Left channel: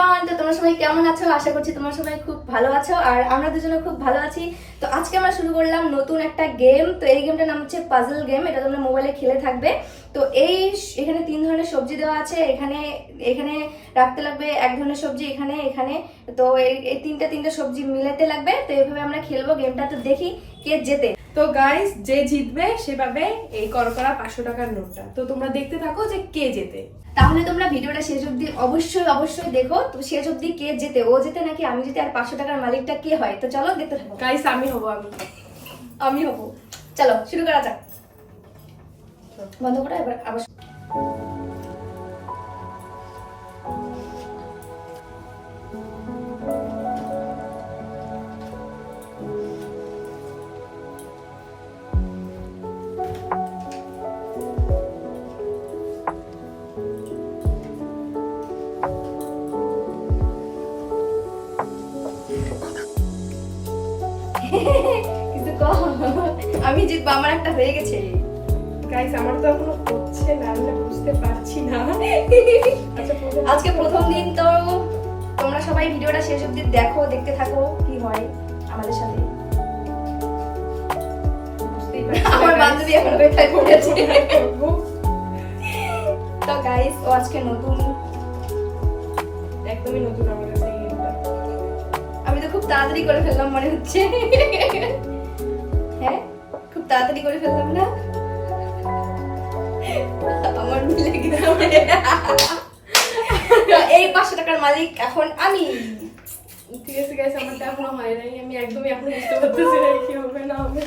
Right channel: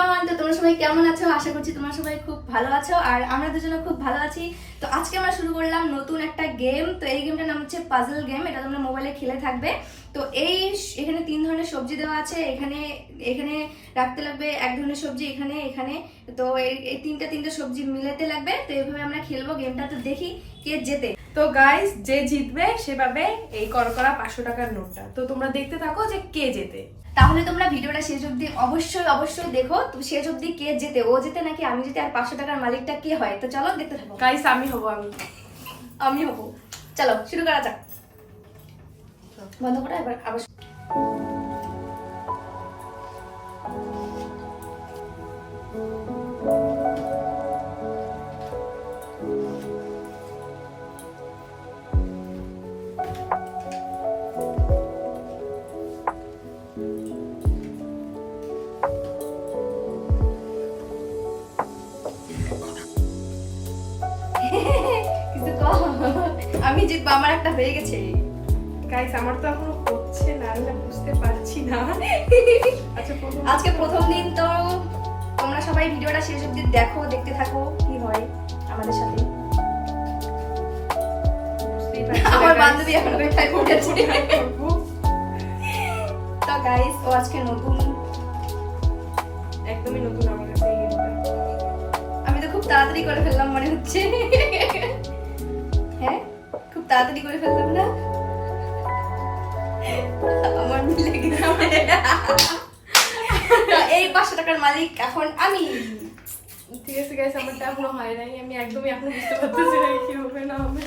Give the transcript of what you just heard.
Everyone, তো তোমরা সবাই কেমন আছো? আশা করছি তোমরা সবাই খুব ভালো আছো আর আমরা দুজনে খুব ভালো আছি। তো আজকে আমরা শুরু করলাম নতুন একটা গেম। তো এই গেমটার নাম হচ্ছে পাজল গেম। এটা তোমরা মোবাইলে খেলে থাকবে। তো এখানে 3 ধরনের সবজি দেওয়া আছে। এখানে এখানে রাখতে লাগবে এক ধরনের সবজি, এখানে এখানে। তো এই তিনটে সবজি মিলাতে লাগবে। তো এইভাবে আমরা খেলবো গেমটা। তো দেখি কে জেতে। তো গাইস, যে জিতবে সে পাবে এই করকরা 500 টাকার নোটটা। তো তোমরা দেখতে থাকো যে কে জেতে। তাহলে তোমরা ভিডিওটা শেষ অবধি অবশ্যই দেখো। তো শেষ অবধি কে জেতে, ও জেতে নাকি আমি জেতে, আর 500 টাকার মালিকটা কে হয়? তো চলো দেখতে থাকো। গাইস, আমি আমি হবো। চলো শুরু করা যাক। বন্ধ করো এবার আবার। কিন্তু কম, আমি জিতবো, আমার একটা হয়ে গেছে। গাইস, আমার তো এখনো হচ্ছে না, আমি না বুঝতে পারছি না। আচ্ছা, আজকে প্রথম দিন। তো তোমরা সবাই ভিডিওটা শেষ অবধি দেখো, দেখতে থাকো কি হয় আমাদের সাথে। বুঝতেই পারছি না, আমার guys, বান্ধবী এখন কোথায় পড়েছে। কোথায় করবো। তো গাইস, ও আজকে নতুন, একদমই নতুন আমার কাছে এই গেমটা। আমি তো খুব তাড়াতাড়ি করে ফেললাম মনে হচ্ছে। হ্যাঁ, খুব তাড়াতাড়ি করে ফেললাম না? আমার মিলে গেছে। তো এই 500 টাকার মালিক এখন আমি। ঠিক আছে গাইস, আমারটা এখনো হয় নাই। আমি একদমই এখনো বুঝতে পারতেছি না কি হবে না হবে।